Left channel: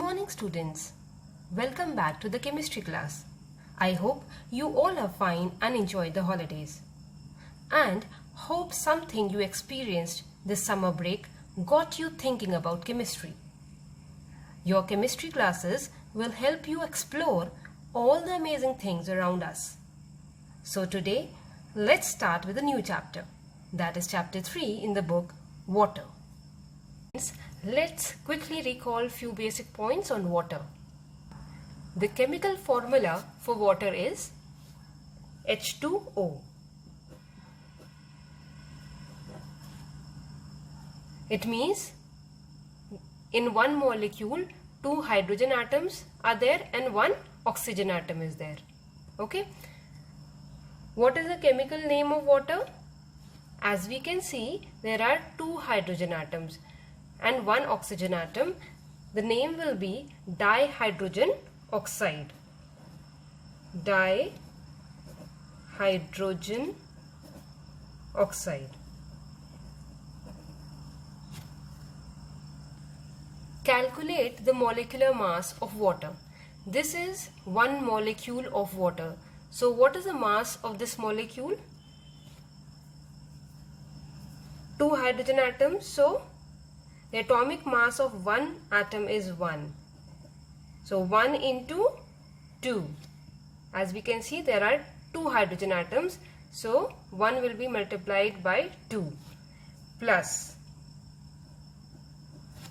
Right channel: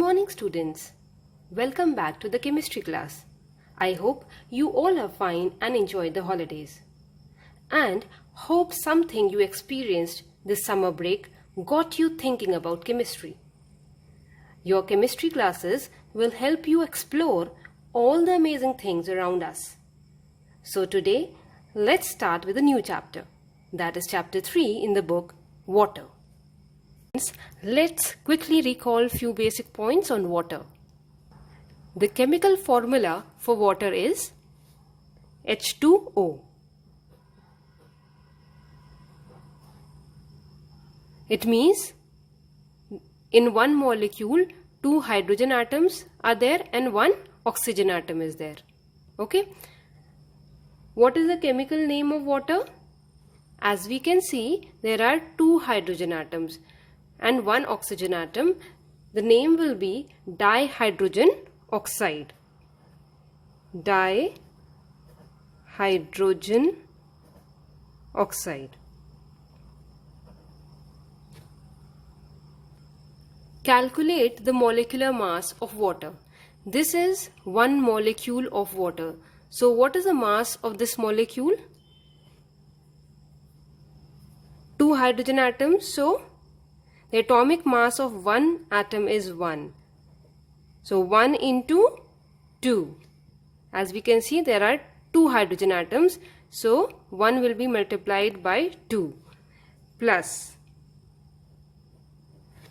morning, students. Welcome back to the chemistry class. I hope you all are fine and enjoyed the holidays. And hope something you experienced this summer break got you thinking about chemistry. Your chemistry classes will help you explore all the amazing things around us. So today, let's start with a new chapter. That is chapter 3 in the book Water. Let's quickly recall few basic points on water. The chemical formula for water is H2O. It means in one molecule, 2 hydrogen atoms are there and 1 oxygen atom is there. Okay. What is the chemical name of water? As we can see, there are 2 hydrogen atoms and 1 oxygen atom. The name will be dihydrogen oxide. Dihydrogen oxide. Calculate the molecular mass of water. This is 1 molecule of water. So what is the mass of this molecule? 2 hydrogen atoms. So the atomic mass of 1 atom is 1. So 1 into 2. As we can see, there are 2 hydrogen atoms. So 1 will be multiplied by 2 plus.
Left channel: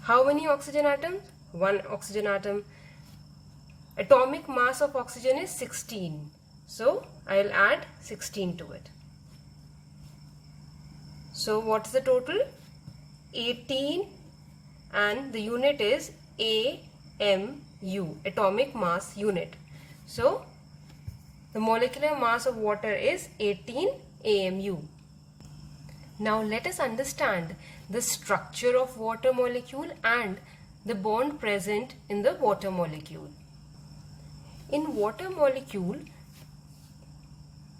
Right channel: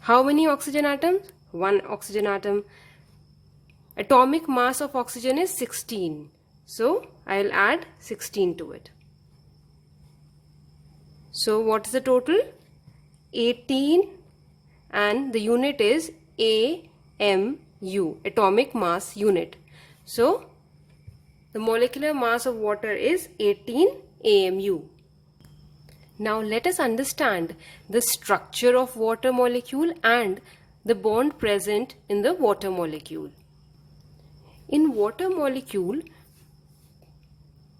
How many oxygen atoms? 1 oxygen atom. Atomic mass of oxygen is 16. So I'll add 16 to it. So what's the total? 18, and the unit is AMU, atomic mass unit. So the molecular mass of water is 18 AMU. Now let us understand the structure of water molecule and the bond present in the water molecule. In water molecule,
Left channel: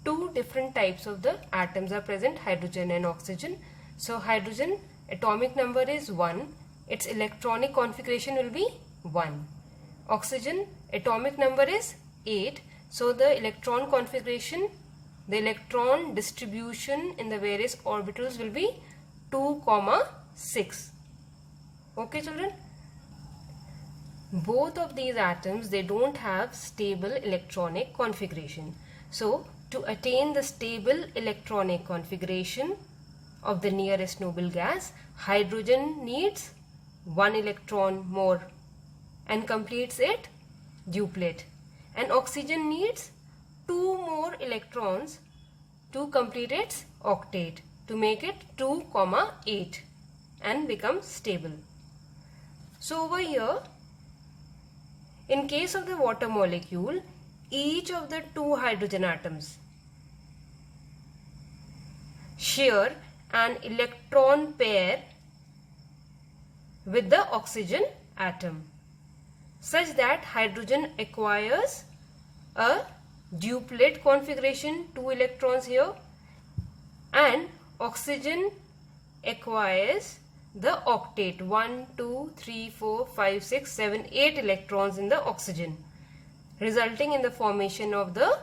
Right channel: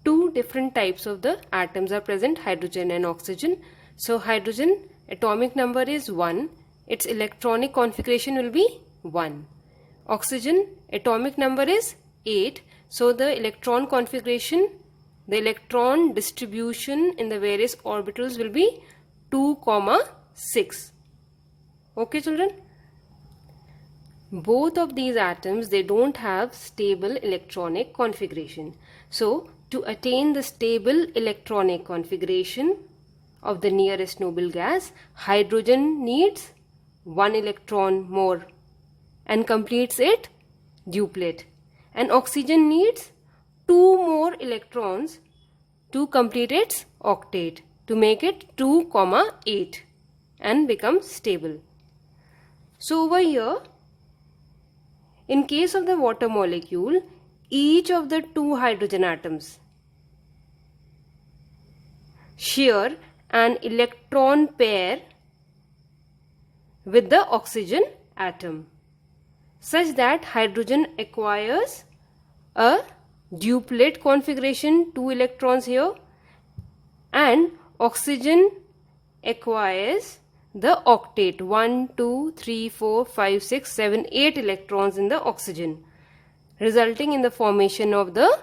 2 different types of the atoms are present, hydrogen and oxygen. So hydrogen atomic number is 1. Its electronic configuration will be 1. Oxygen atomic number is 8. So the electron configuration, the electron distribution in the various orbitals will be 2, 6. Okay, children? Both of these atoms, they don't have stable electronic configuration. So to attain the stable electronic configuration of the nearest noble gas, hydrogen needs 1 electron more and completes it duplet, and oxygen needs 2 more electrons to complete its octet to make it 2, 8 and become stable. So over here, in case of the water molecule, each of the 2 hydrogen atoms share an electron pair with the oxygen atom, such that hydrogen acquires a duplet configuration, 2 electrons here, and oxygen acquires the octet, 1, 2, 3, 4, 5, 6, 7, 8 electrons in the oxygen, resulting in the formation of the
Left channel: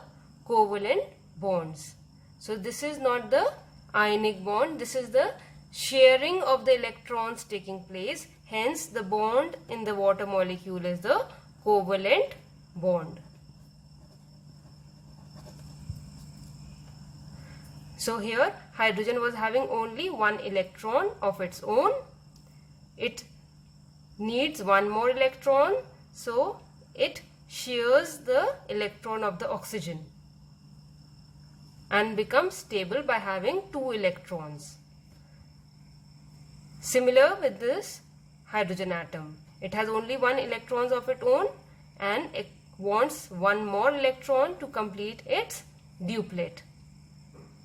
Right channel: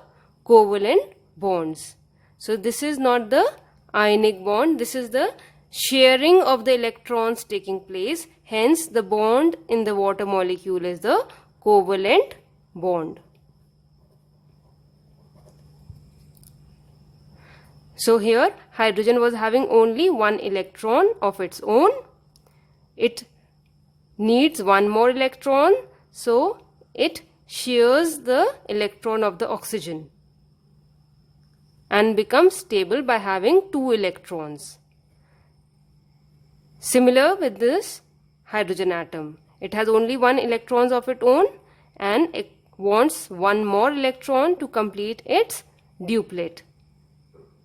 covalent bonds. So this is not the ionic bond, this is the sharing of the electrons taking place. Hence the bond in the water molecule is the covalent bond. So here hydrogen was having only 1 electron of its own. It needs 1 more electron, so it shares the electron of the oxygen and becomes stable by having 2 electrons. Similar with this hydrogen atom. It has only 1 electron of its own and it wants 1 more electron to complete its duplet.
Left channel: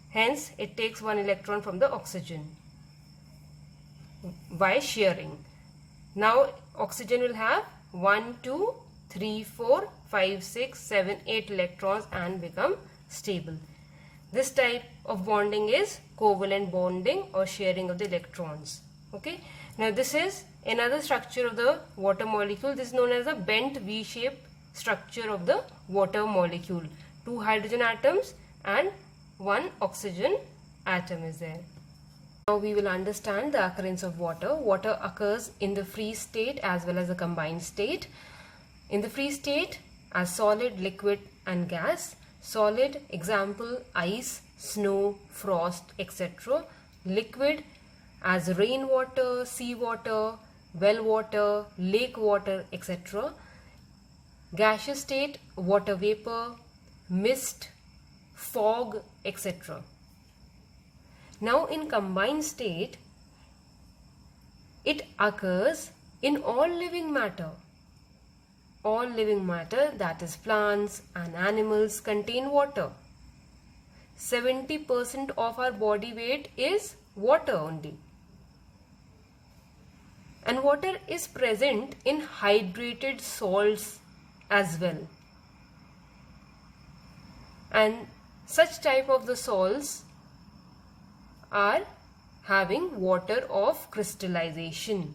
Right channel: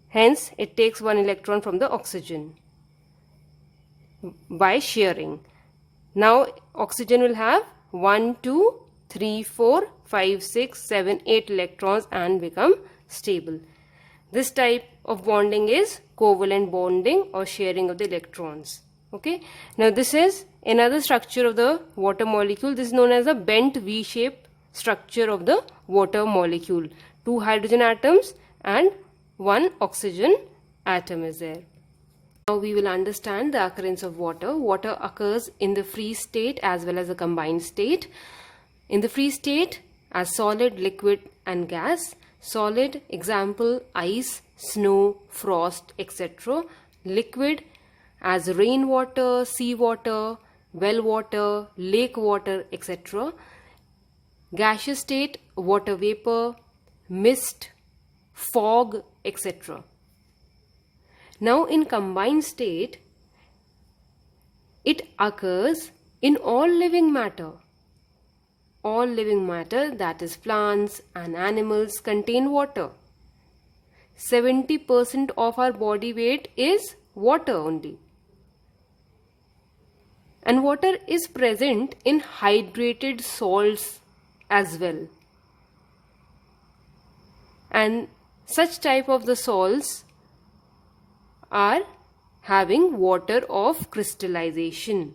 Hence, it takes 1 electron from the oxygen by sharing. Now, oxygen will have 1, 2, 3, 4, 5, 6, 7, 8 electrons and become stable. This type of bonding is covalent bonding or sharing of the electrons. Okay, now this is another structure of the water molecule. This is known as a bent V-shaped structure of the water molecule. 2 hydrogen atoms and 1 oxygen atom is there. Now we will understand the occurrence of water. Water occurs in the free state as well as the combined state. In the free state as solid, liquid and gas. Solid, example, ice, snow, frost, etc. Liquid as rainwater, seawater, well water, lake water, etc. Gaseous state, water vapor, mist, fog, etc. Now in combined state, it occurs in all living matter. All living matter, that is plants and animals, contain water. 70% of our body weight is water only. And water is present in hydrated salts as well. And such type of the salts are having water of crystallization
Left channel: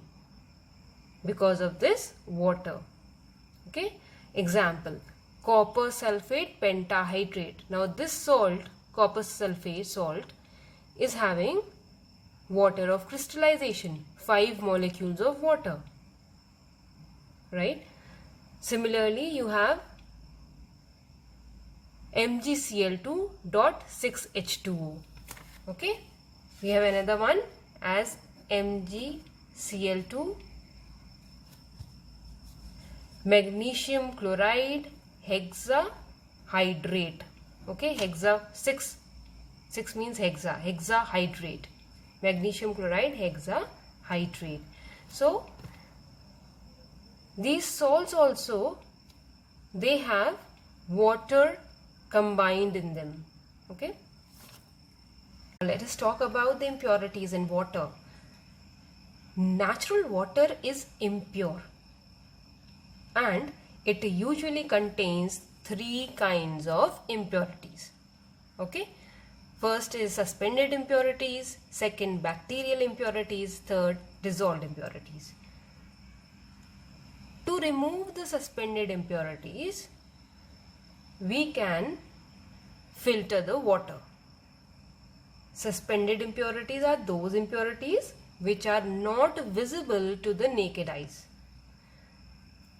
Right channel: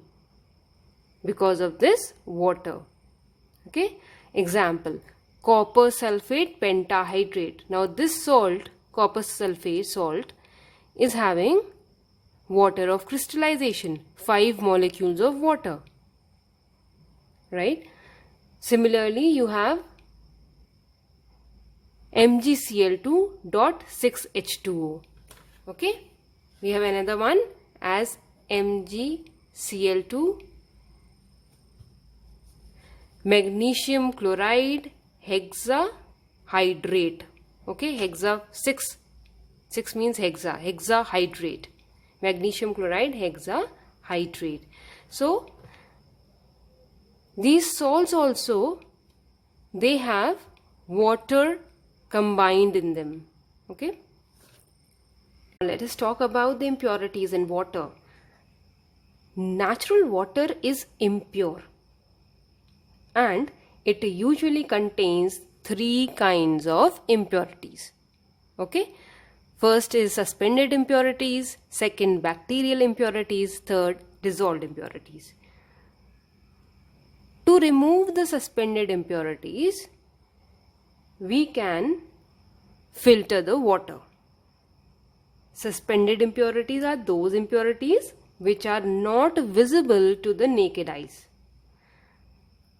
because of this water. Okay, example, copper sulfate pentahydrate. Now this salt, copper sulfate salt, is having water of crystallization, 5 molecules of water, right? Similarly, you have MgCl2.6H2O. Okay, we have another one as MgCl2, magnesium chloride hexahydrate. Okay, hexa 6 means hexahydrate, magnesium chloride hexahydrate. So these salts also, they have water combined in them. Okay, let us talk about the impurities in water. Natural water is impure and it usually contains 3 kinds of impurities. Okay, first is suspended impurities, second bacterial impurities, third dissolved impurities. To remove the suspended impurities, we can filter the water. Suspended impurities are those impurities which are not visible to the naked eyes.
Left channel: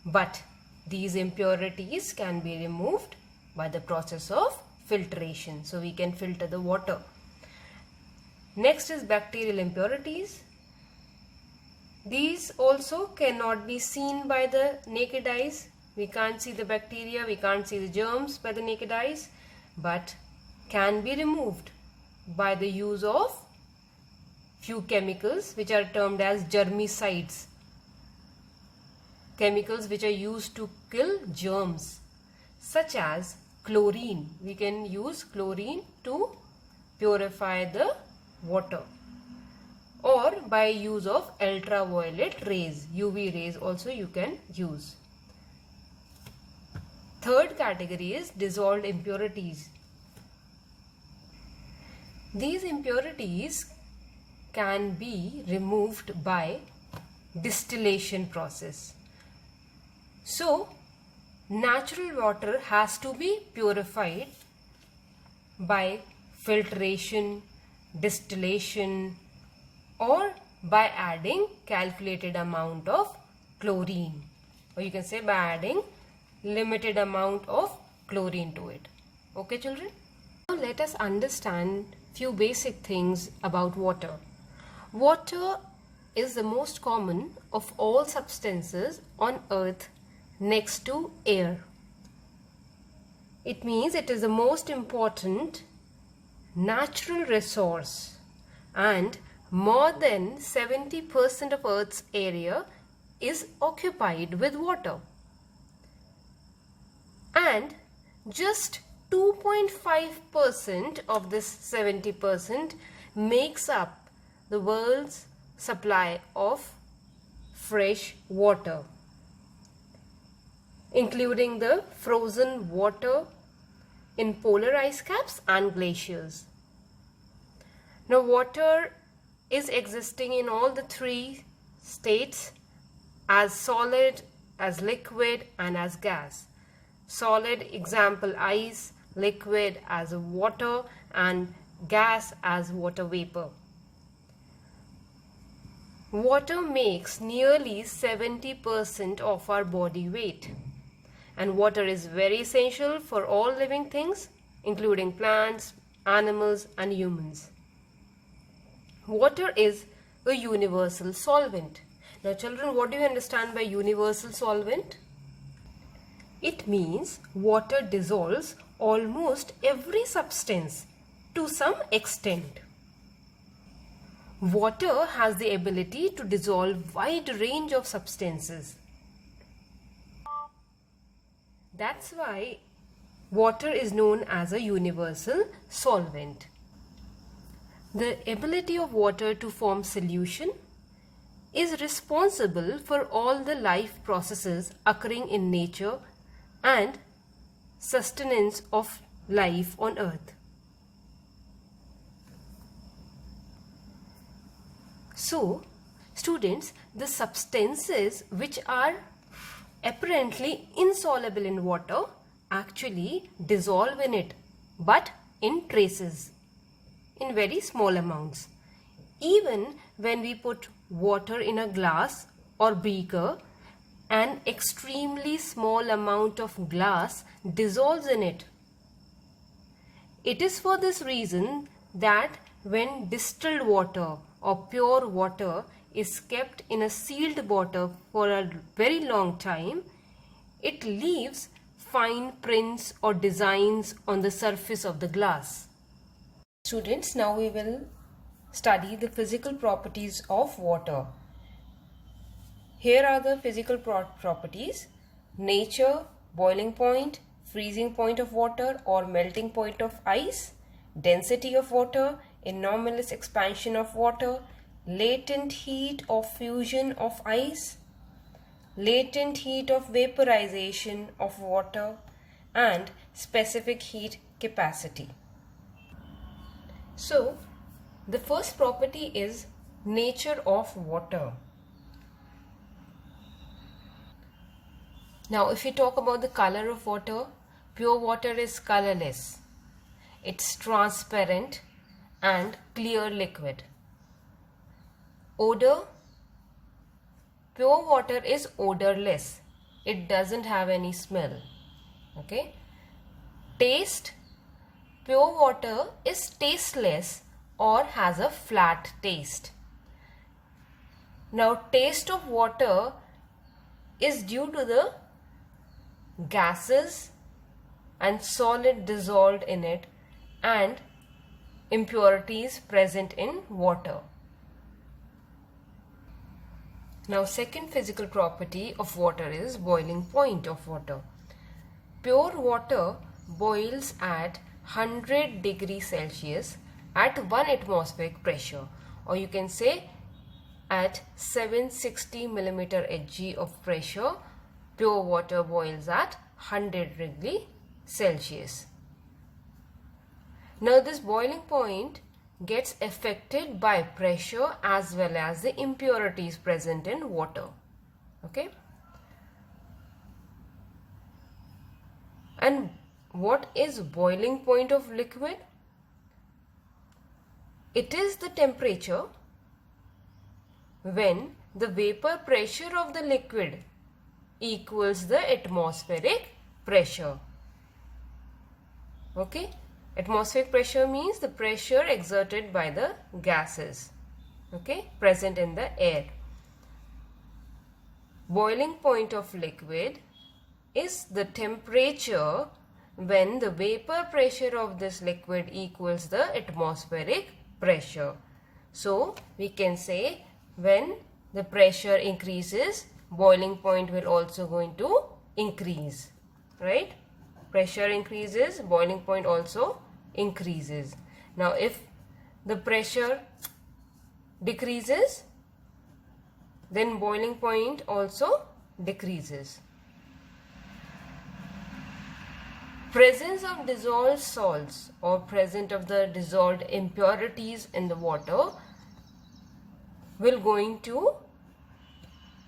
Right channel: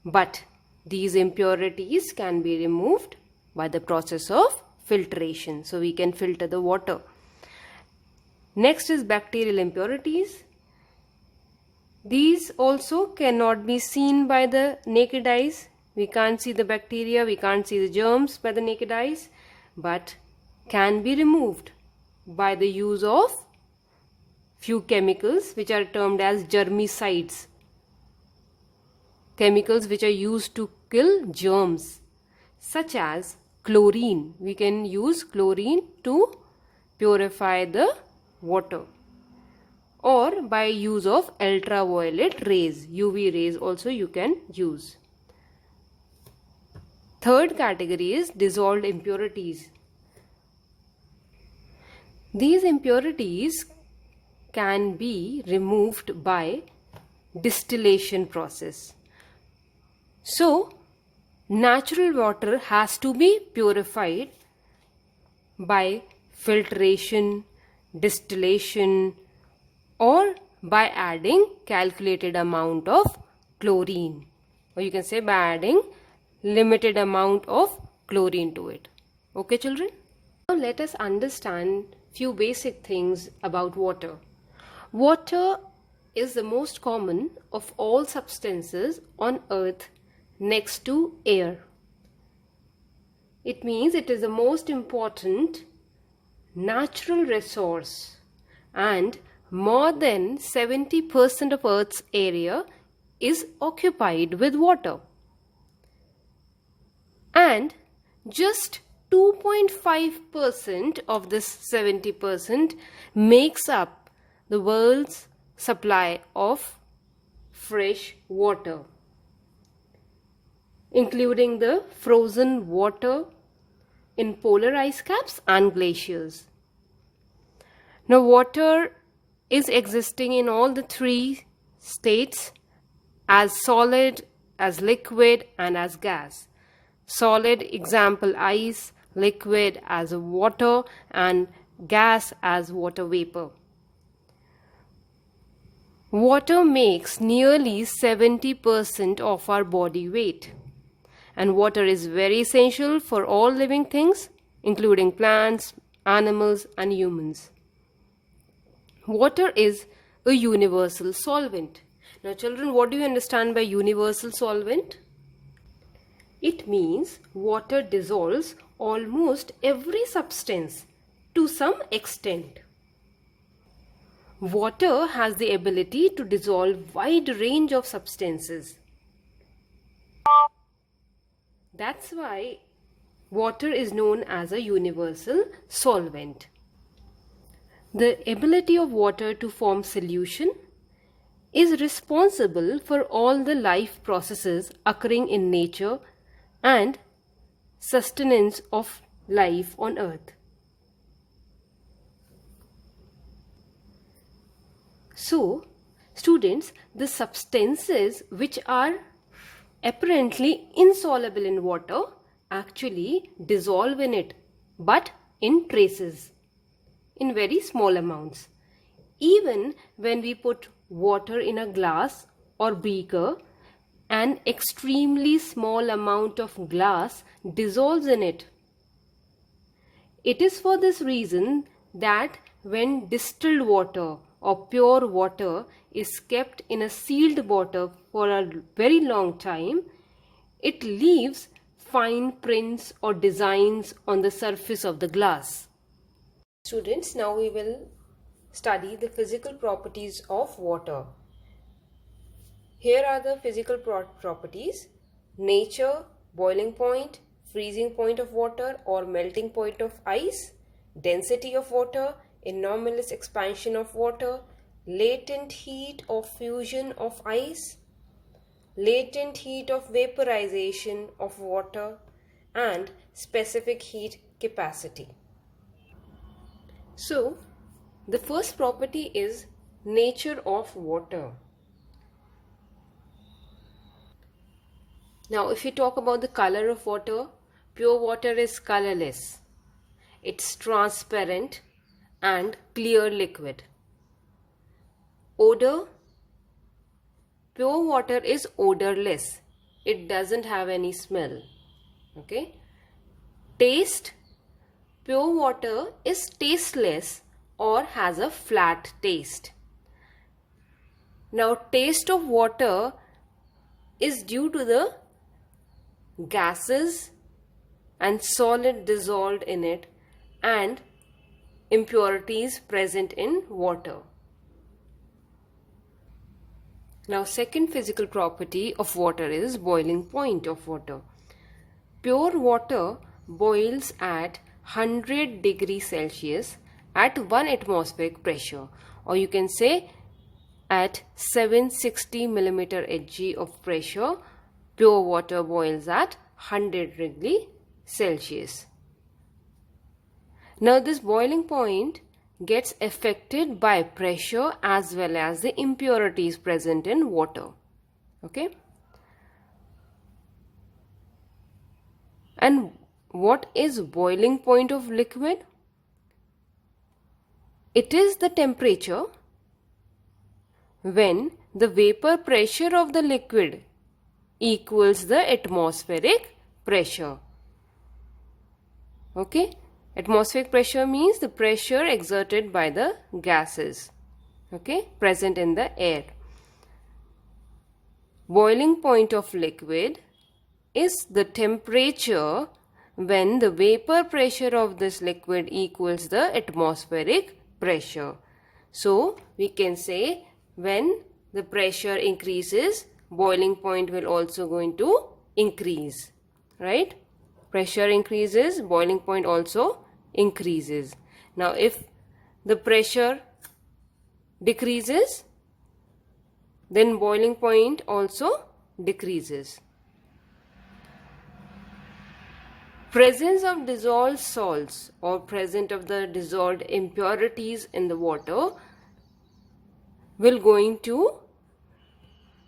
But these impurities can be removed by the process of filtration. So we can filter the water. Next is bacterial impurities. These also cannot be seen by the naked eyes. We can't see the bacteria, we can't see the germs by the naked eyes, but can be removed by the use of few chemicals which are termed as germicides. Chemicals which are used to kill germs, such as chlorine. We can use chlorine to purify the water, or by use of ultraviolet rays, UV rays also you can use. Third category is dissolved impurities. These impurities can be removed by distillation process. So, natural water has to be purified by filtration, distillation, or by adding calculated amount of chlorine, or you can say by adding limited amount of chlorine to it. Okay, children? Now let us understand few basic things about water. Water is the most common of all substances on earth next to air. It means it is the most important natural resource, and more than 70% of Earth's area is occupied with water. And just 2.5% of this 70% makes up the world's supply of fresh water, including the frozen water in polar ice caps and glaciers. Now, water is existing in all the three states, as solid, as liquid, and as gas. Solid, example ice, liquid as water, and gas as water vapor. Water makes nearly 70% of our body weight, and water is very essential for all living things, including plants, animals, and humans. Water is a universal solvent. Now, children, what do you understand by universal solvent? It means water dissolves almost every substance to some extent. Water has the ability to dissolve wide range of substances. That's why water is known as a universal solvent. The ability of water to form solution is responsible for all the life processes occurring in nature and sustenance of life on earth. So, students, the substances which are apparently insoluble in water actually dissolve in it, but in traces, in very small amounts. Even when we put water in a glass or beaker, an extremely small amount of glass dissolves in it. It is for this reason that when distilled water or pure water is kept in a sealed bottle for a very long time, it leaves fine prints or designs on the surface of the glass. Students, now we will study the physical properties of water. Here are the physical properties: nature, boiling point, freezing point of water or melting point of ice, density of water, anomalous expansion of water, latent heat of fusion of ice, latent heat of vaporization of water, and specific heat capacity. So, the first property is nature of water. Now, if you talk about the color of water, pure water is colorless. It's transparent and clear liquid. Odor, pure water is odorless. It doesn't have any smell. Okay. Taste, pure water is tasteless or has a flat taste. Now, taste of water is due to the gases and solid dissolved in it and impurities present in water. Now, second physical property of water is boiling point of water. Pure water boils at 100 degrees Celsius at 1 atmospheric pressure, or you can say at 760 millimeter Hg of pressure. Pure water boils at 100 degrees Celsius. Now, this boiling point gets affected by pressure as well as the impurities present in water. Okay. And what is boiling point of liquid? It is the temperature when the vapor pressure of the liquid equals the atmospheric pressure. Okay. Atmospheric pressure means the pressure exerted by the gases, okay, present in the air. Boiling point of liquid is the temperature when the vapor pressure of this liquid equals the atmospheric pressure. So, we can say when the pressure increases, boiling point will also going to increase, right? Pressure increases, boiling point also increases. Now, if the pressure decreases, then boiling point also decreases. Presence of dissolved salts or presence of the dissolved impurities in the water will going to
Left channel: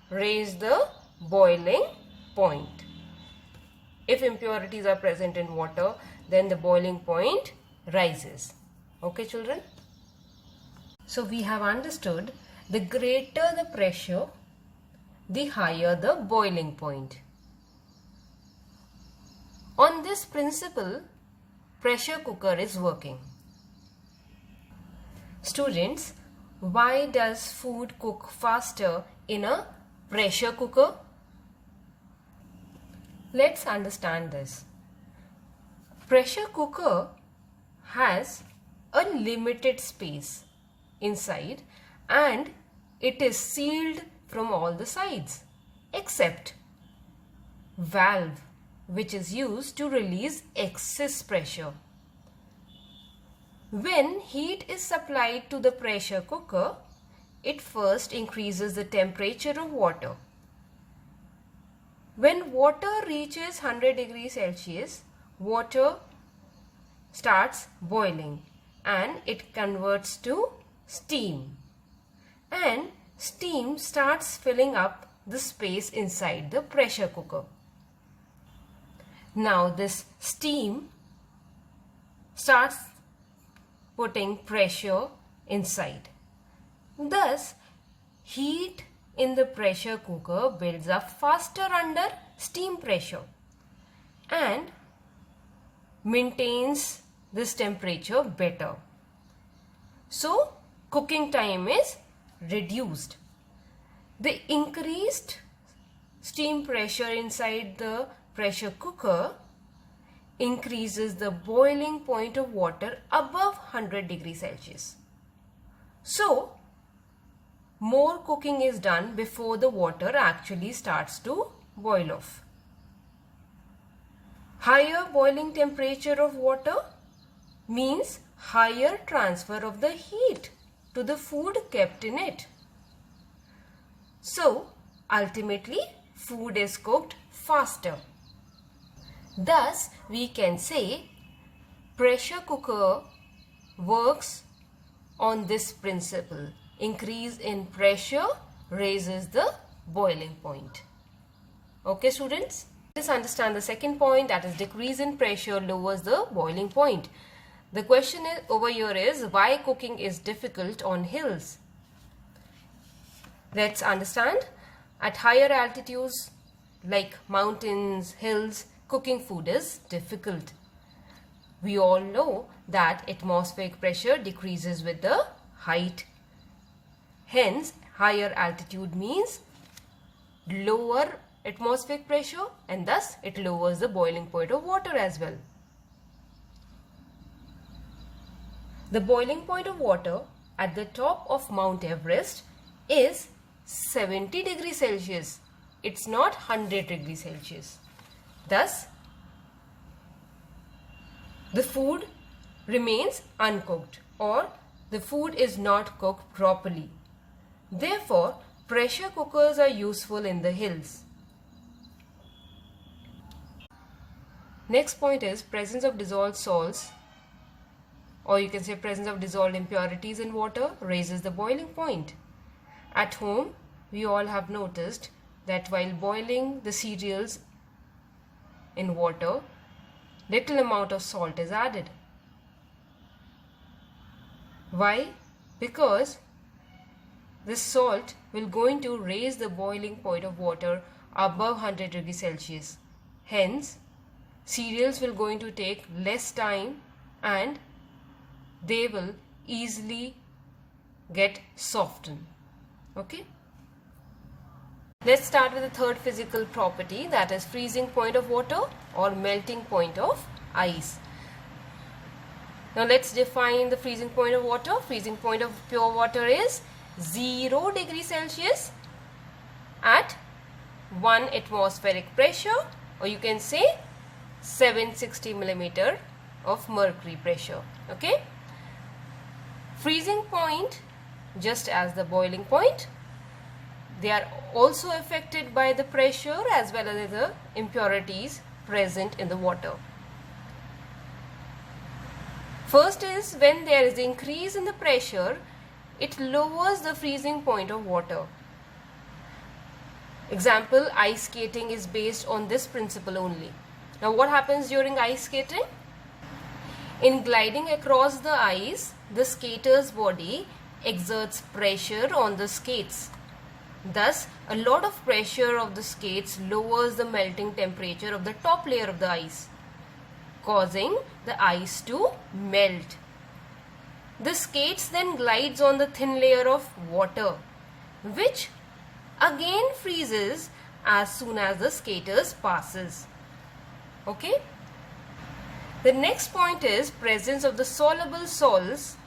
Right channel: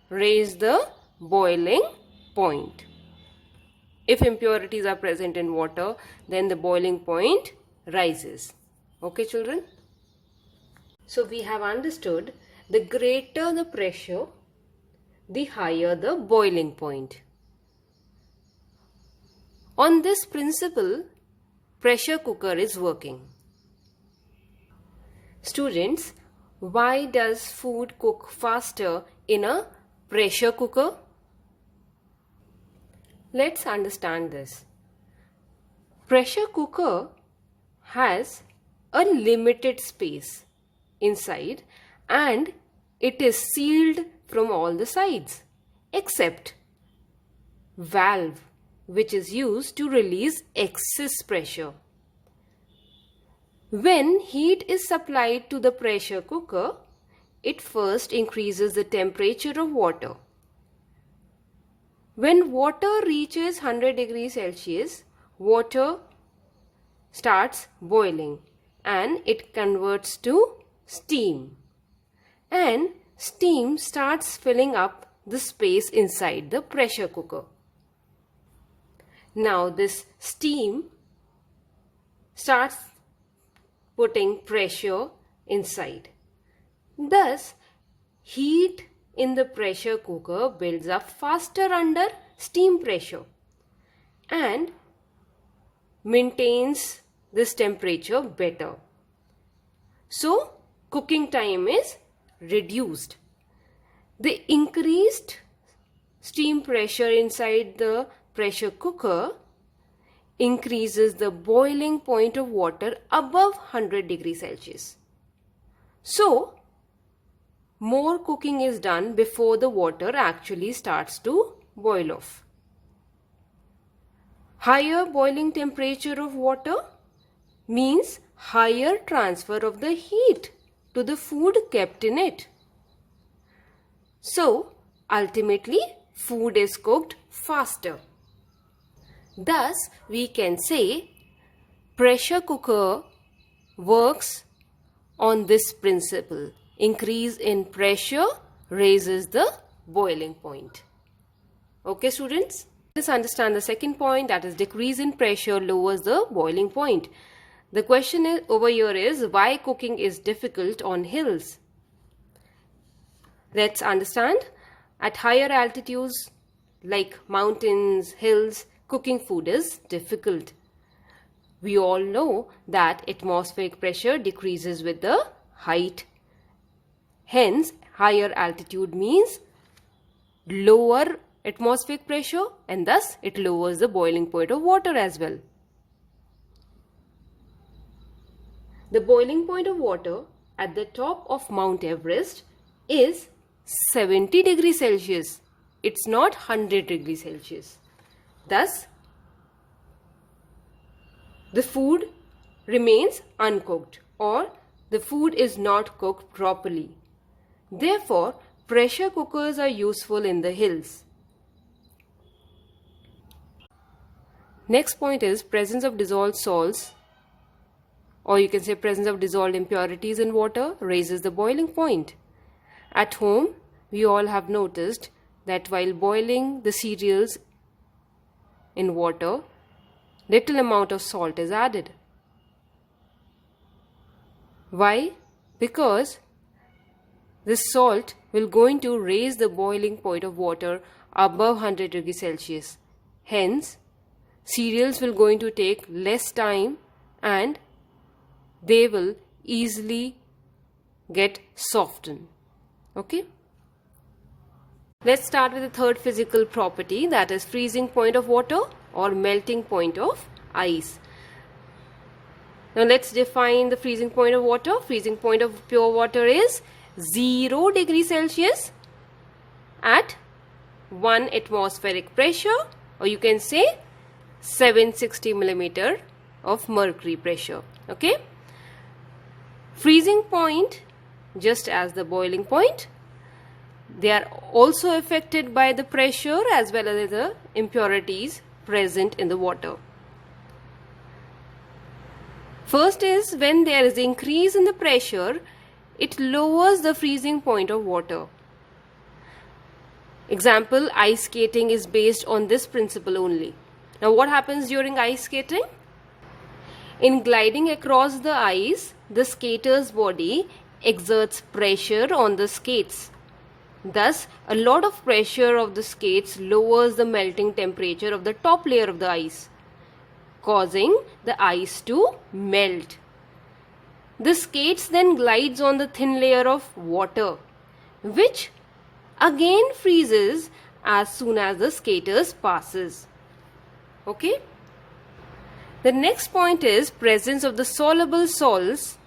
raise the boiling point. If impurities are present in water, then the boiling point rises. Okay, children? So we have understood the greater the pressure, the higher the boiling point. On this principle, pressure cooker is working. Students, why does food cook faster in a pressure cooker? Let's understand this. Pressure cooker has a limited space inside and it is sealed from all the sides except valve, which is used to release excess pressure. When heat is supplied to the pressure cooker, it first increases the temperature of water. When water reaches 100 degrees Celsius, water starts boiling and it converts to steam. And steam starts filling up the space inside the pressure cooker. Now this steam starts putting pressure inside. Thus, heat in the pressure cooker builds up faster under steam pressure and maintains this temperature better. So, cooking time is reduced. The increased steam pressure inside the pressure cooker increases the boiling point of water above 100 degrees Celsius. So, more cooking is done before the water actually starts to boil off. Higher boiling temperature of water means higher transfer of the heat to the food kept in it. So, ultimately, food is cooked faster. Thus, we can say pressure cooker works on this principle. Increase in pressure raises the boiling point. Okay, students? Let's understand the second point, that is decrease in pressure lowers the boiling point. The question over here is why cooking is difficult on hills. Let's understand. At higher altitudes like mountains, hills, cooking food is difficult. We all know that atmospheric pressure decreases with the height. Hence, higher altitude means lower atmospheric pressure and thus it lowers the boiling point of water as well. The boiling point of water at the top of Mount Everest is 70 degrees Celsius. It's not 100 degrees Celsius. Thus, the food remains uncooked or the food is not cooked properly. Therefore, pressure cookers are useful in the hills. Next point is presence of dissolved salts, or you can say presence of dissolved impurities in water raises the boiling point. At home, we all have noticed that while boiling the cereals in water, little amount of salt is added. Why? Because this salt will going to raise the boiling point of water above 100 degrees Celsius. Hence, cereals will going to take less time and they will easily get softened. Okay? Let's start with the third physical property, that is freezing point of water or melting point of ice. Now let's define the freezing point of water. Freezing point of pure water is 0 degrees Celsius at 1 atmospheric pressure, or you can say 760 millimeter of mercury pressure. Okay? Freezing point, just as the boiling point, they are also affected by the pressure as well as the impurities present in the water. First is when there is increase in the pressure, it lowers the freezing point of water. Example, ice skating is based on this principle only. Now what happens during ice skating? In gliding across the ice, the skater's body exerts pressure on the skates. Thus, a lot of pressure of the skates lowers the melting temperature of the top layer of the ice, causing the ice to melt. The skates then glides on the thin layer of water, which again freezes as soon as the skaters passes. Okay? The next point is presence of the soluble salts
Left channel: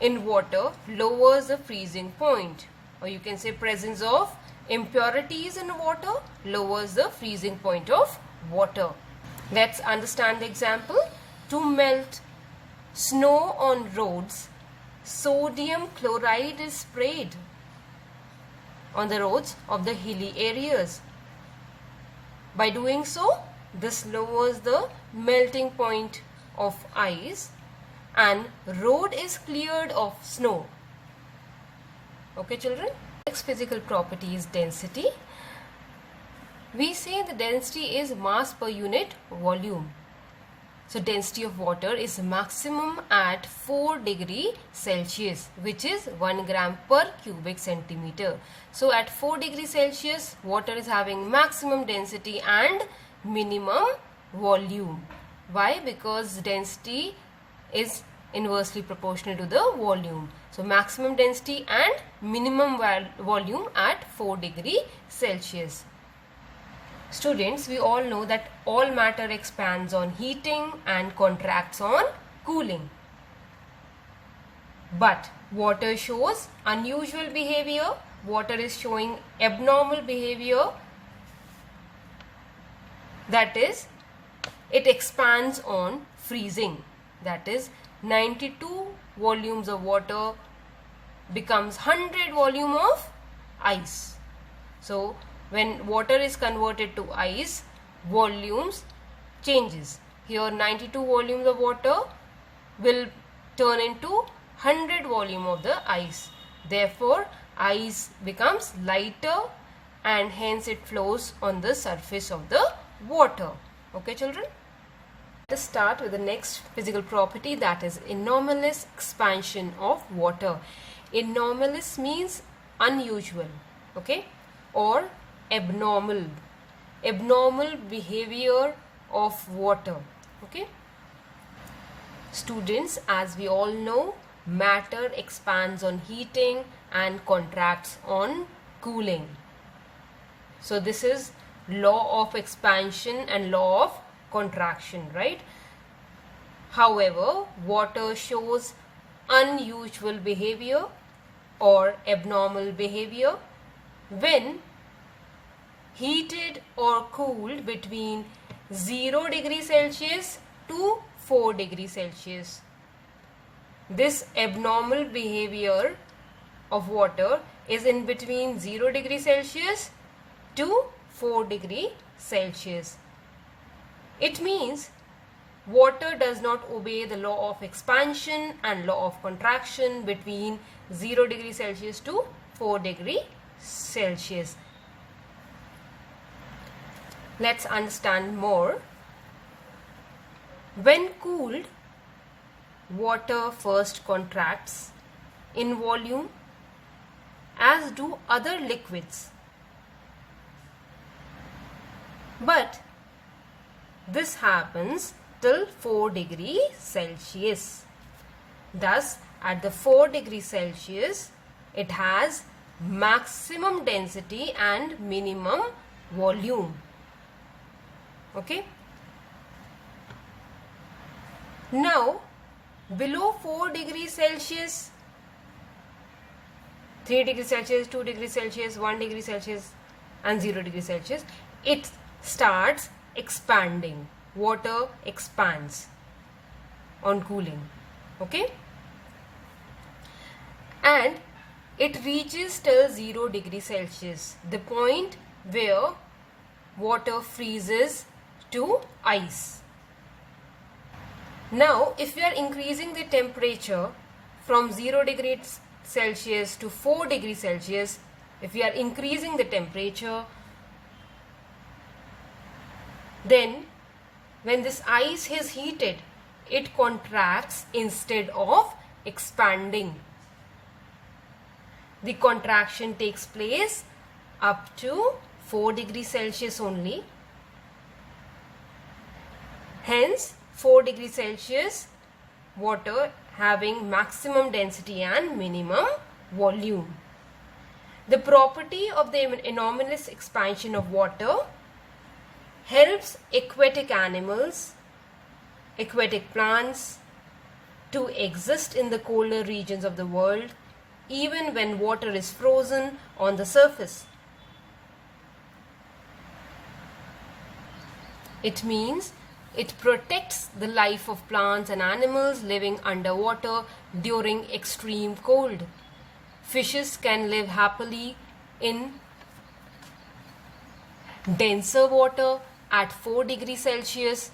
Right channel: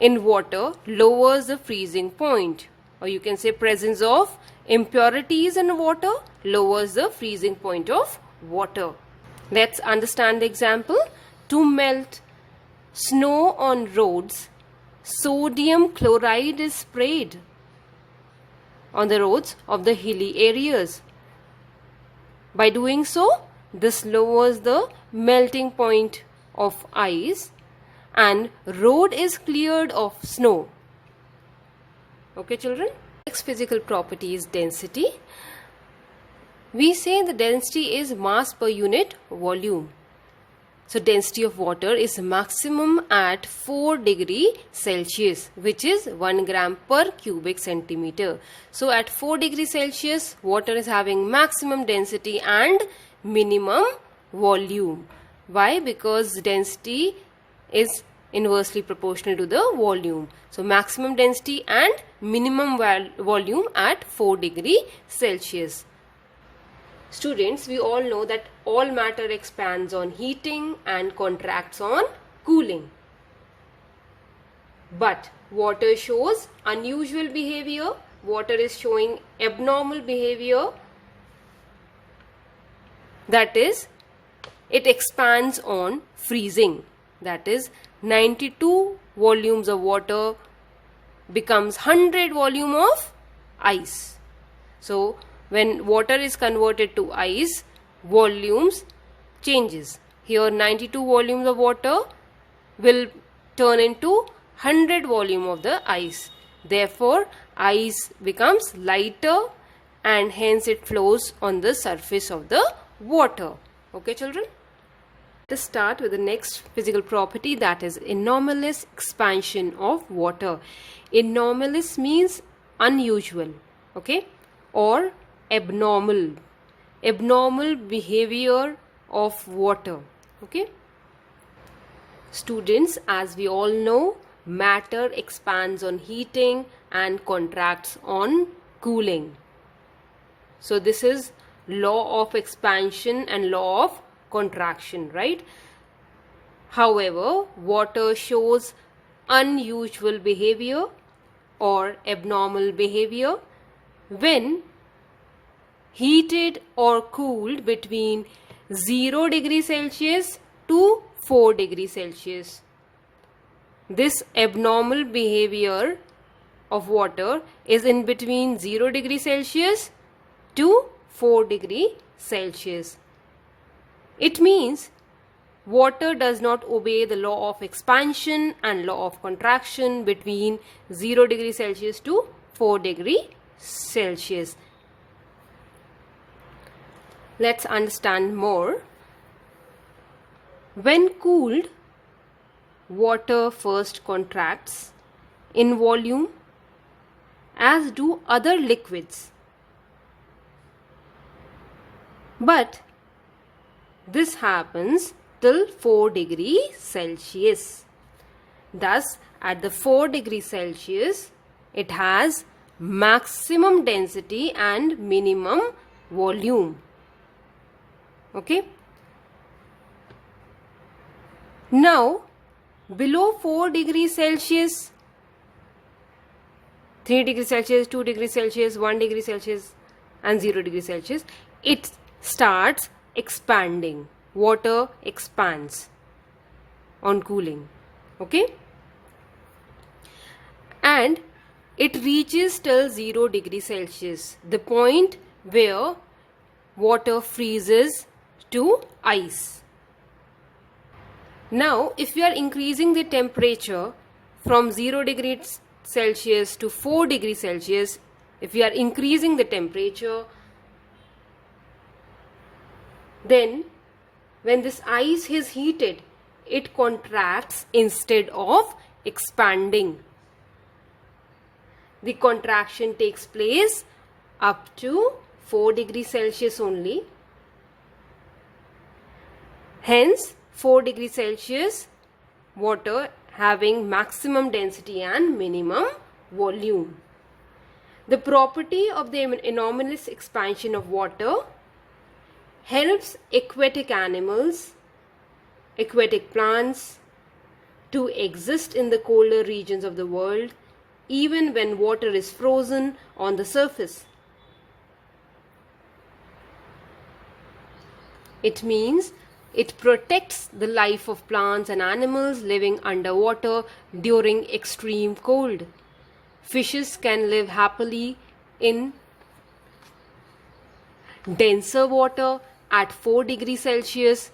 in water lowers the freezing point, or you can say presence of impurities in water lowers the freezing point of water. Let's understand the example. To melt snow on roads, sodium chloride is sprayed on the roads of the hilly areas. By doing so, this lowers the melting point of ice and road is cleared of snow. Okay, children? Next physical property is density. We say the density is mass per unit volume. So density of water is maximum at 4 degree Celsius, which is 1 gram per cubic centimeter. So at 4 degree Celsius, water is having maximum density and minimum volume. Why? Because density is inversely proportional to the volume. So maximum density and minimum volume at 4 degree Celsius. Students, we all know that all matter expands on heating and contracts on cooling. But water shows unusual behavior. Water is showing abnormal behavior. That is, it expands on freezing. That is, 92 volumes of water becomes 100 volume of ice. So when water is converted to ice, volumes changes. Here 92 volumes of water will turn into 100 volume of the ice. Therefore, ice becomes lighter and hence it flows on the surface of the water. Okay, children? Let us start with the next physical property, that is anomalous expansion of water. Anomalous means unusual, okay, or abnormal behavior of water. Okay, students, as we all know, matter expands on heating and contracts on cooling. So this is law of expansion and law of contraction, right? However, water shows unusual behavior or abnormal behavior when heated or cooled between 0 degree Celsius to 4 degree Celsius. This abnormal behavior of water is in between 0 degree Celsius to 4 degree Celsius. It means water does not obey the law of expansion and law of contraction between 0 degree Celsius to 4 degree Celsius. Let's understand more. When cooled, water first contracts in volume, as do other liquids. But this happens till 4 degree Celsius. Thus, at the 4 degree Celsius, it has maximum density and minimum volume. Okay. Now, below 4 degrees Celsius, 3 degrees Celsius, 2 degrees Celsius, 1 degree Celsius and 0 degree Celsius, it starts expanding. Water expands on cooling. Okay. And it reaches till 0 degree Celsius, the point where water freezes to ice. Now, if we are increasing the temperature from 0 degrees Celsius to 4 degrees Celsius, if we are increasing the temperature, then when this ice is heated, it contracts instead of expanding. The contraction takes place up to 4 degrees Celsius only. Hence, 4 degrees Celsius water having maximum density and minimum volume. The property of the anomalous expansion of water helps aquatic animals, aquatic plants to exist in the colder regions of the world even when water is frozen on the surface. It means it protects the life of plants and animals living underwater during extreme cold. Fishes can live happily in denser water at 4 degrees Celsius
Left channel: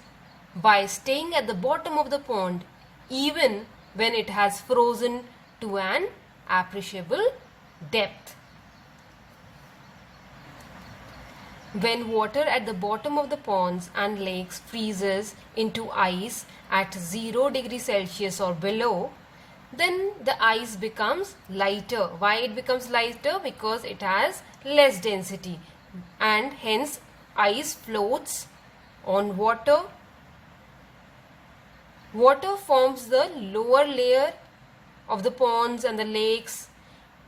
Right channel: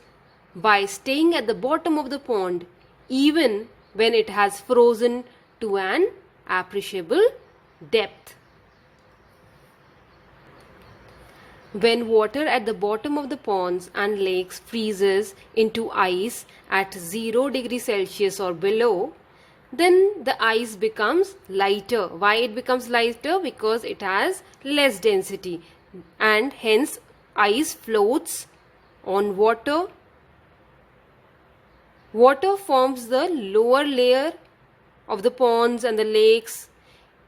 by staying at the bottom of the pond even when it has frozen to an appreciable depth. When water at the bottom of the ponds and lakes freezes into ice at 0 degrees Celsius or below, then the ice becomes lighter. Why it becomes lighter? Because it has less density, and hence ice floats on water. Water forms the lower layer of the ponds and the lakes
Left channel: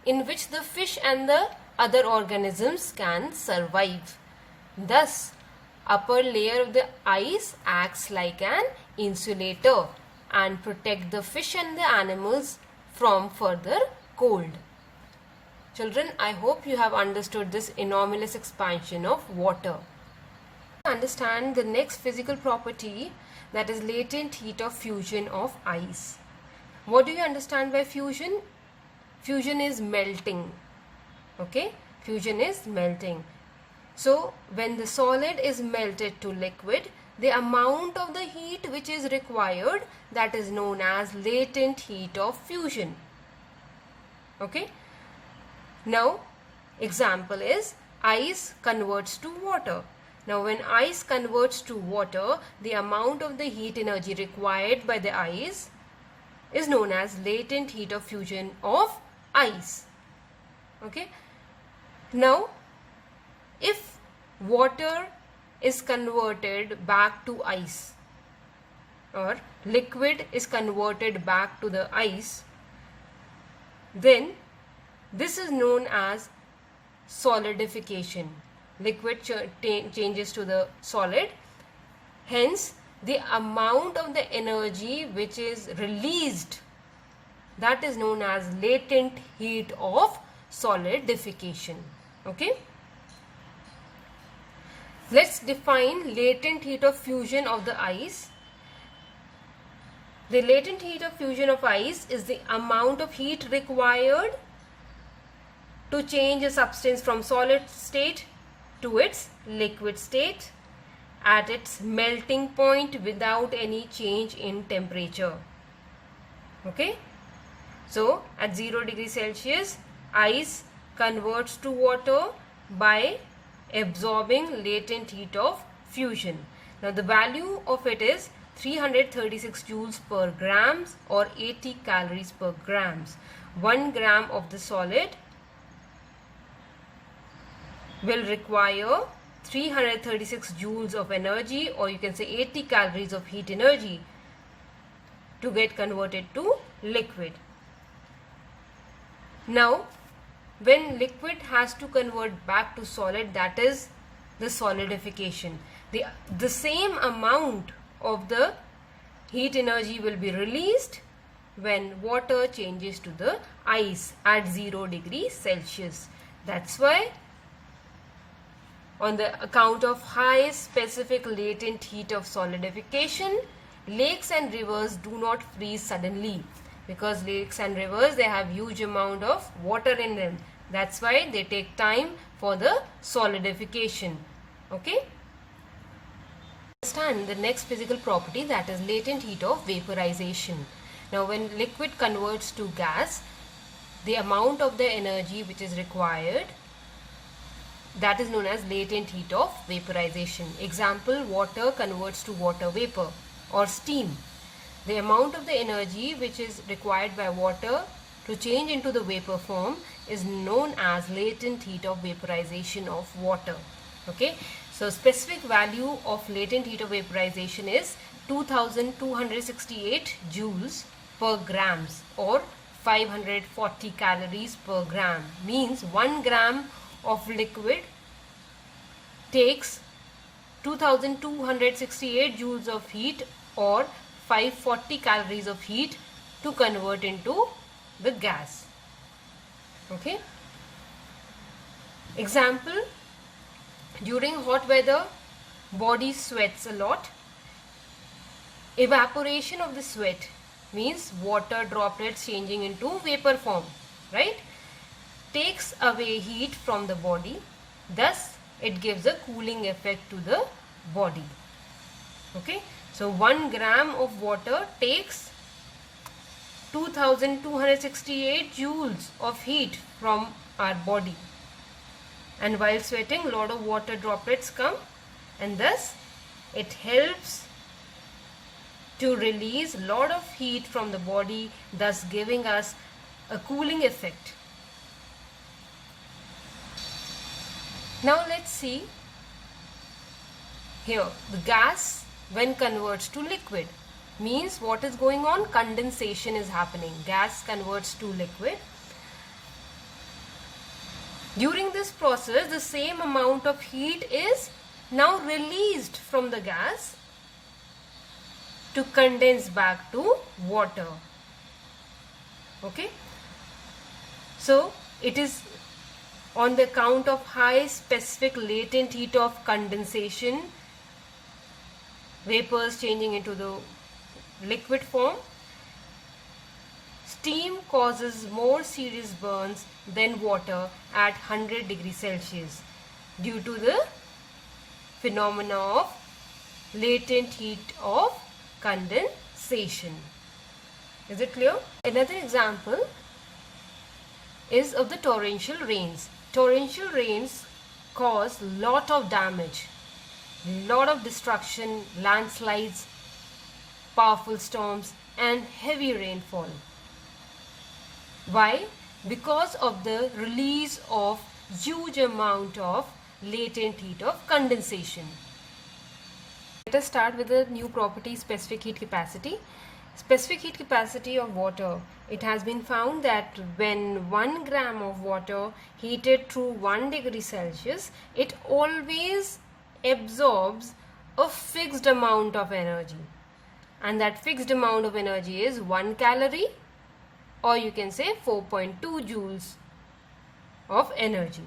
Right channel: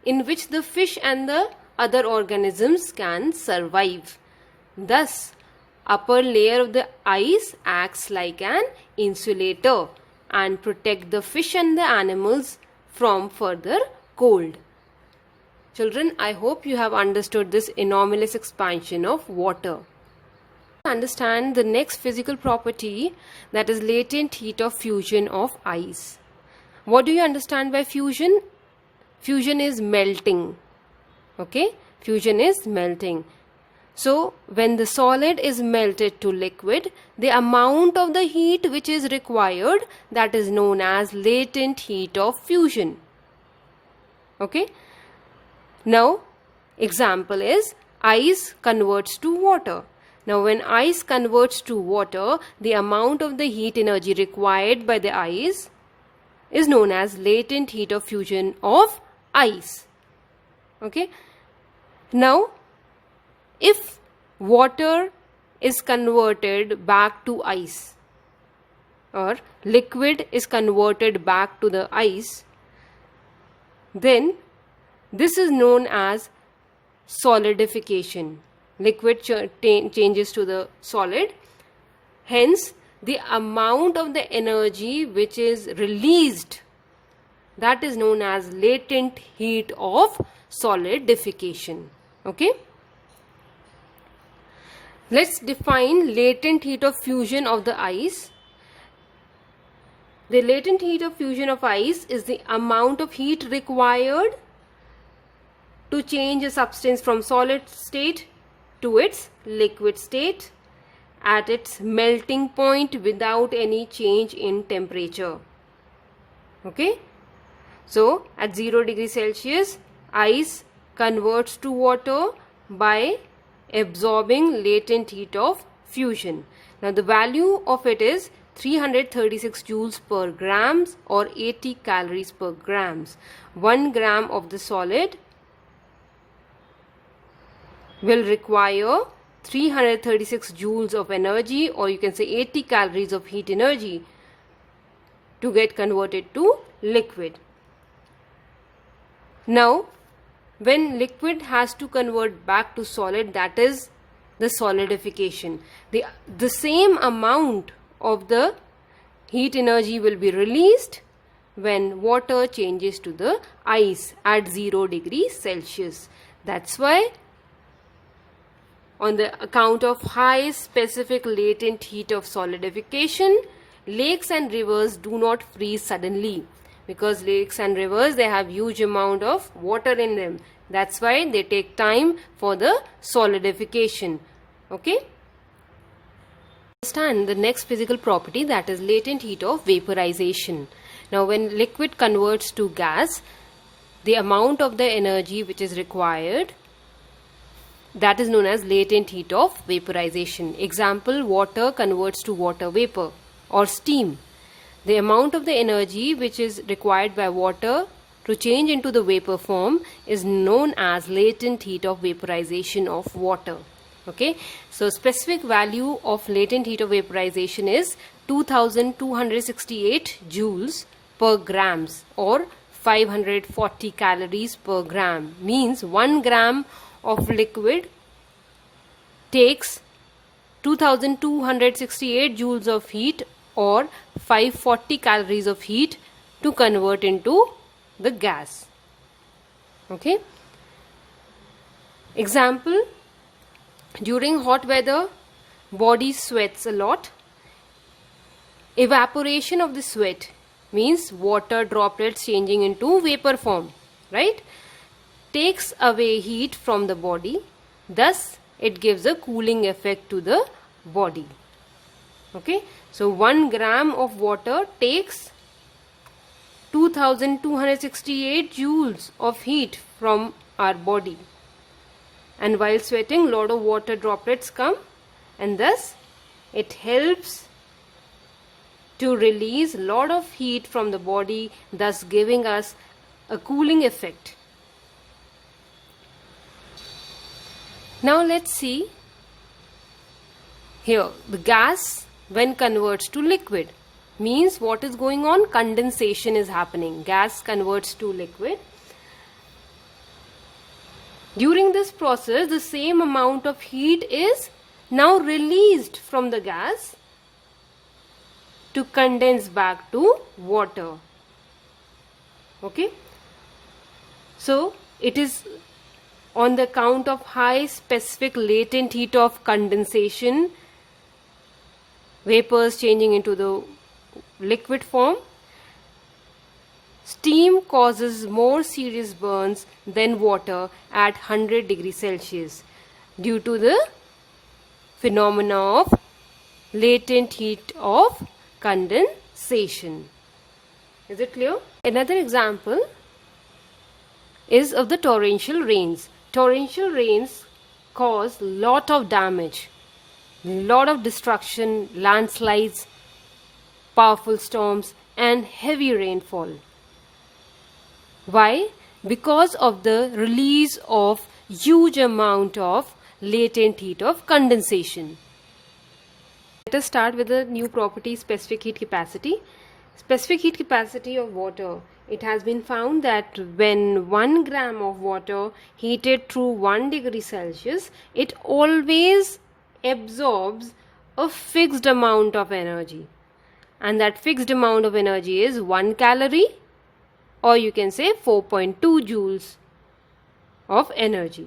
in which the fish and the other organisms can survive. Thus, upper layer of the ice acts like an insulator and protect the fish and the animals from further cold. Children, I hope you have understood this anomalous expansion of water. Understand the next physical property, that is latent heat of fusion of ice. What do you understand by fusion? Fusion is melting. Okay? Fusion is melting. So, when the solid is melted to liquid, the amount of the heat which is required, that is known as latent heat of fusion. Okay? Now, example is ice converts to water. Now, when ice converts to water, the amount of the heat energy required by the ice is known as latent heat of fusion of ice. Okay? Now, if water is converted back to ice or liquid is converted back to the ice, then this is known as solidification. Liquid changes to the solid. Hence, the amount of the energy which is released, that is known as latent heat of solidification. Okay? Let's define latent heat of fusion of the ice. The latent heat of fusion of ice is the amount of heat required to change a substance from solid state to its liquid state at its melting point without any change in temperature. Okay? So, at 0 degrees Celsius, ice converts to water by absorbing latent heat of fusion. Now, the value of it is 336 joules per grams or 80 calories per grams. 1 gram of the solid will require 336 joules of energy, or you can say 80 calories of heat energy to get converted to liquid. Now, when liquid has to convert back to solid, that is the solidification. The same amount of the heat energy will be released when water changes to the ice at 0 degrees Celsius. That's why, on the account of high specific latent heat of solidification, lakes and rivers do not freeze suddenly, because lakes and rivers, they have huge amount of water in them. That's why they take time for the solidification. Okay? Understand the next physical property, that is latent heat of vaporization. Now when liquid converts to gas, the amount of the energy which is required, that is known as latent heat of vaporization. Example, water converts to water vapor or steam. The amount of the energy which is required by water to change into the vapor form is known as latent heat of vaporization of water. Okay, so specific value of latent heat of vaporization is 2268 joules per grams or 540 calories per gram. Means 1 gram of liquid takes 2268 joules of heat or 540 calories of heat to convert into the gas. Okay. Example, during hot weather, body sweats a lot. Evaporation of the sweat means water droplets changing into vapor form, right? Takes away heat from the body. Thus, it gives a cooling effect to the body. Okay. So 1 gram of water takes 2268 joules of heat from our body. And while sweating, lot of water droplets come, and thus it helps to release lot of heat from the body, thus giving us a cooling effect. Now let's see here, the gas when converts to liquid means what is going on? Condensation is happening. Gas converts to liquid. During this process, the same amount of heat is now released from the gas to condense back to water. Okay. So it is on the count of high specific latent heat of condensation, vapors changing into the liquid form. Steam causes more serious burns than water at 100 degrees Celsius due to the phenomena of latent heat of condensation. Is it clear? Another example is of the torrential rains. Torrential rains cause lot of damage, lot of destruction, landslides, powerful storms and heavy rainfall. Why? Because of the release of huge amount of latent heat of condensation. Let us start with the new property, specific heat capacity. Specific heat capacity of water. It has been found that when 1 gram of water heated through 1 degree Celsius, it always absorbs a fixed amount of energy. And that fixed amount of energy is 1 calorie, or you can say 4.2 joules of energy.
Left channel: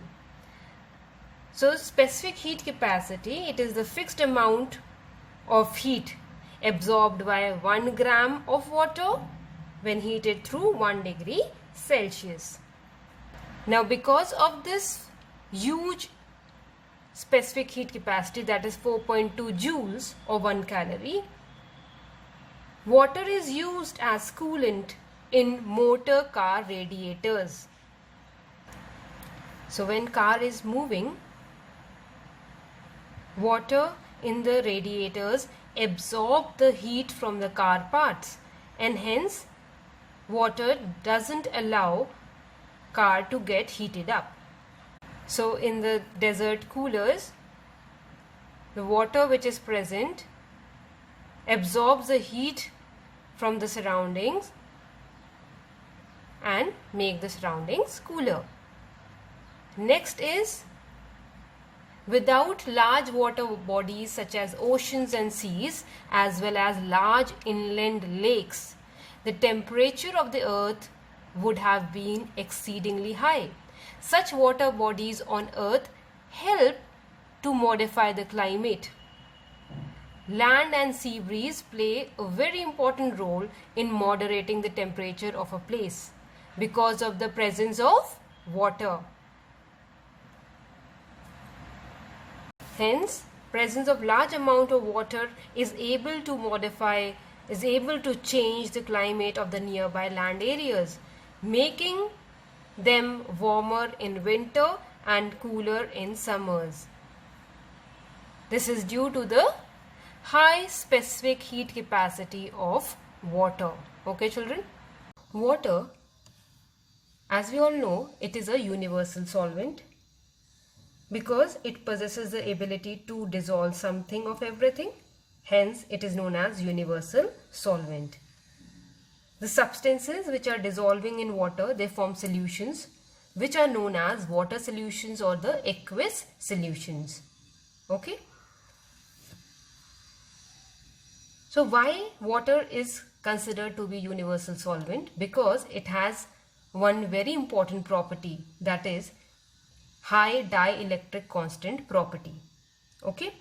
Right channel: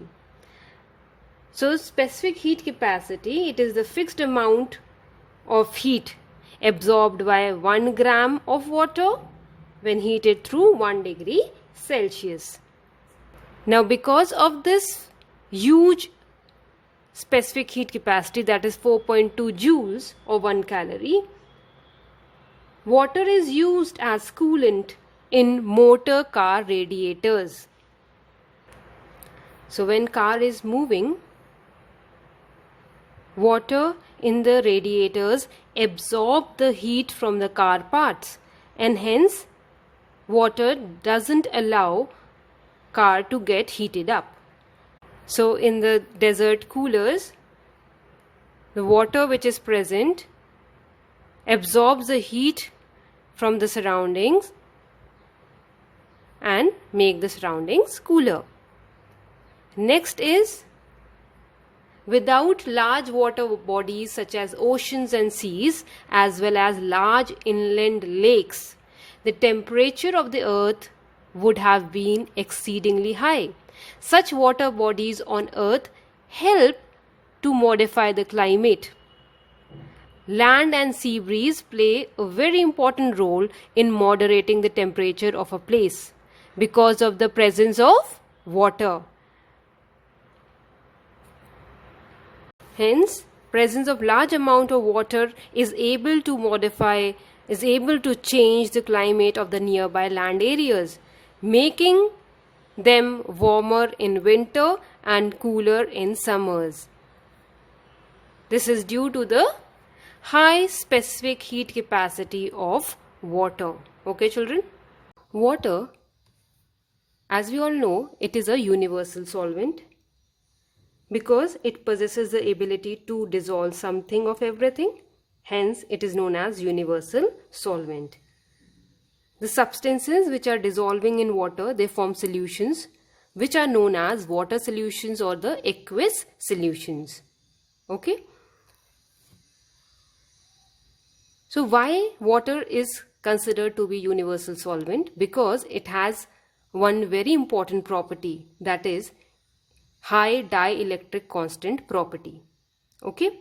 So specific heat capacity, it is the fixed amount of heat absorbed by 1 gram of water when heated through 1 degree Celsius. Now because of this huge specific heat capacity, that is 4.2 joules or 1 calorie, water is used as coolant in motor car radiators. So when car is moving, water in the radiators absorb the heat from the car parts, and hence water doesn't allow car to get heated up. So in the desert coolers, the water which is present absorbs the heat from the surroundings and make the surroundings cooler. Next is, without large water bodies such as oceans and seas, as well as large inland lakes, the temperature of the earth would have been exceedingly high. Such water bodies on earth help to modify the climate. Land and sea breeze play a very important role in moderating the temperature of a place because of the presence of water. Hence, presence of large amount of water is able to modify is able to change the climate of the nearby land areas, making them warmer in winter and cooler in summers. This is due to the high specific heat capacity of water. Okay, children? Water, as we all know, it is a universal solvent because it possesses the ability to dissolve something of everything. Hence, it is known as universal solvent. The substances which are dissolving in water, they form solutions which are known as water solutions or the aqueous solutions. Okay. So why water is considered to be universal solvent? Because it has one very important property, that is high dielectric constant property. Okay.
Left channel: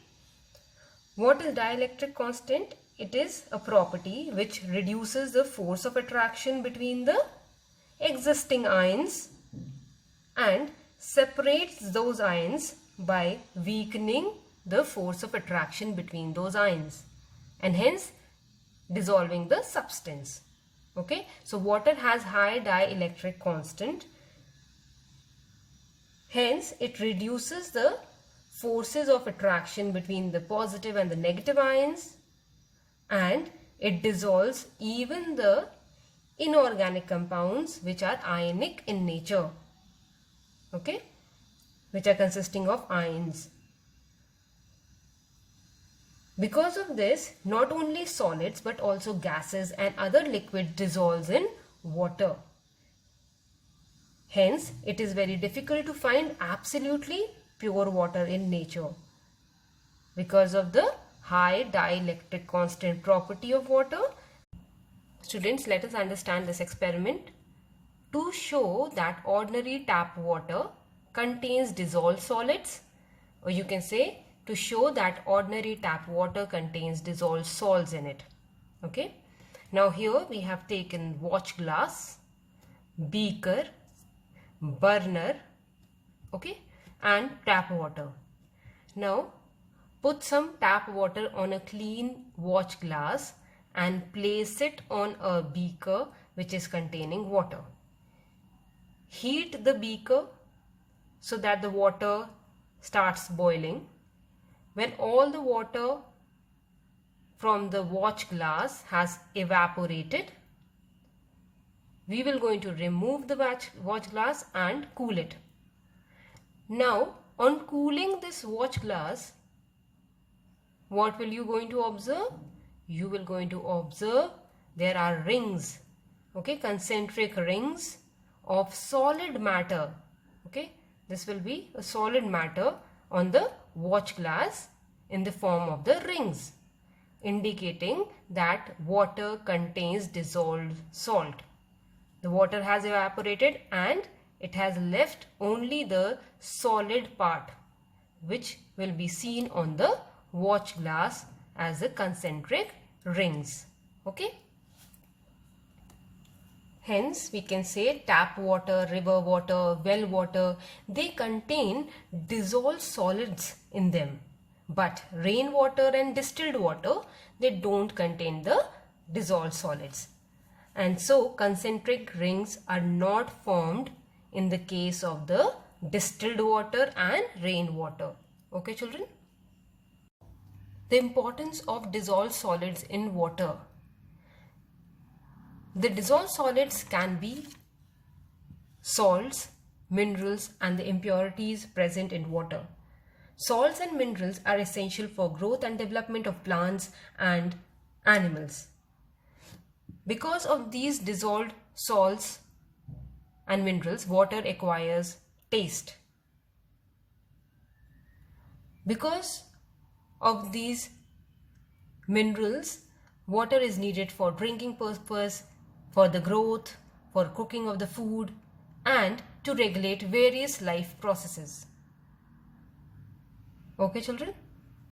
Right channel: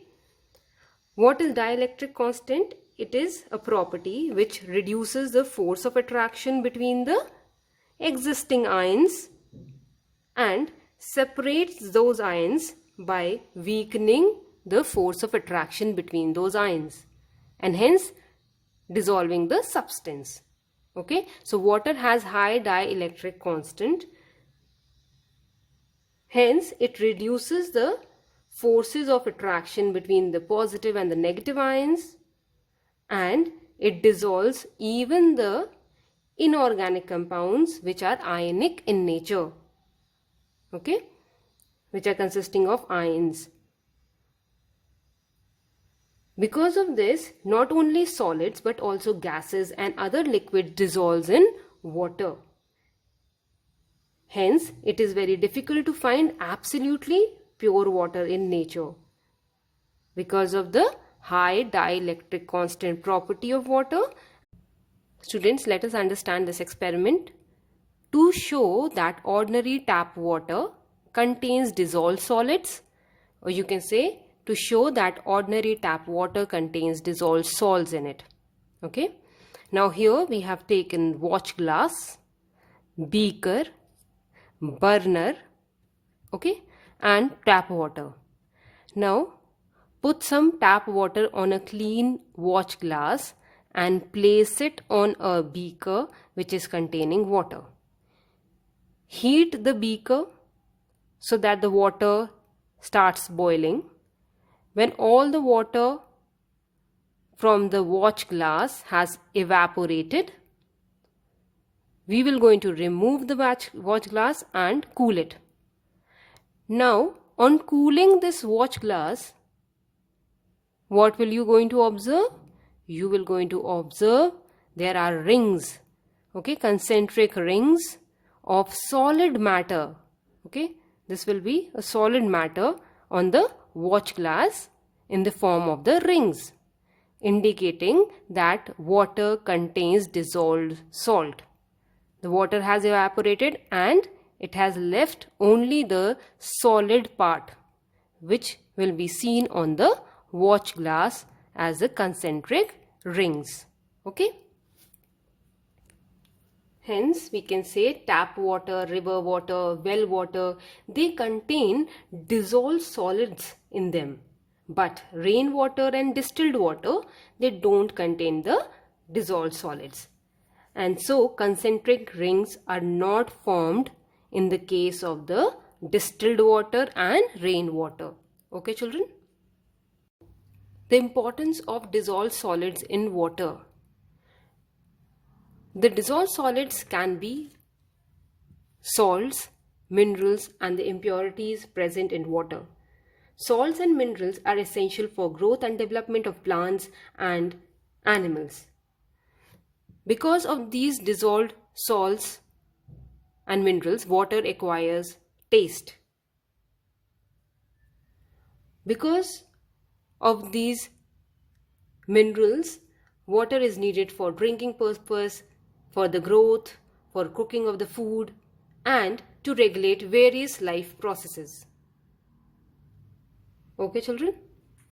What is dielectric constant? It is a property which reduces the force of attraction between the existing ions and separates those ions by weakening the force of attraction between those ions and hence dissolving the substance. Okay, so water has high dielectric constant, hence it reduces the forces of attraction between the positive and the negative ions, and it dissolves even the inorganic compounds which are ionic in nature. Okay, which are consisting of ions. Because of this, not only solids but also gases and other liquids dissolves in water. Hence, it is very difficult to find absolutely pure water in nature because of the high dielectric constant property of water. Students, let us understand this experiment. To show that ordinary tap water contains dissolved solids, or you can say to show that ordinary tap water contains dissolved salts in it. Okay. Now here we have taken watch glass, beaker, burner, okay, and tap water. Now put some tap water on a clean watch glass and place it on a beaker which is containing water. Heat the beaker so that the water starts boiling. When all the water from the watch glass has evaporated, we will going to remove the watch glass and cool it. Now, on cooling this watch glass, what will you going to observe? You will going to observe there are rings, okay, concentric rings of solid matter. Okay, this will be a solid matter on the watch glass in the form of the rings, indicating that water contains dissolved salt. The water has evaporated and it has left only the solid part, which will be seen on the watch glass as the concentric rings. Okay. Hence, we can say tap water, river water, well water, they contain dissolved solids in them. But rainwater and distilled water, they don't contain the dissolved solids. And so, concentric rings are not formed in the case of the distilled water and rainwater. Okay, children? The importance of dissolved solids in water. The dissolved solids can be salts, minerals, and the impurities present in water. Salts and minerals are essential for growth and development of plants and animals. Because of these dissolved salts and minerals, water acquires taste. Because of these minerals, water is needed for drinking purpose, for the growth, for cooking of the food, and to regulate various life processes. Okay, children?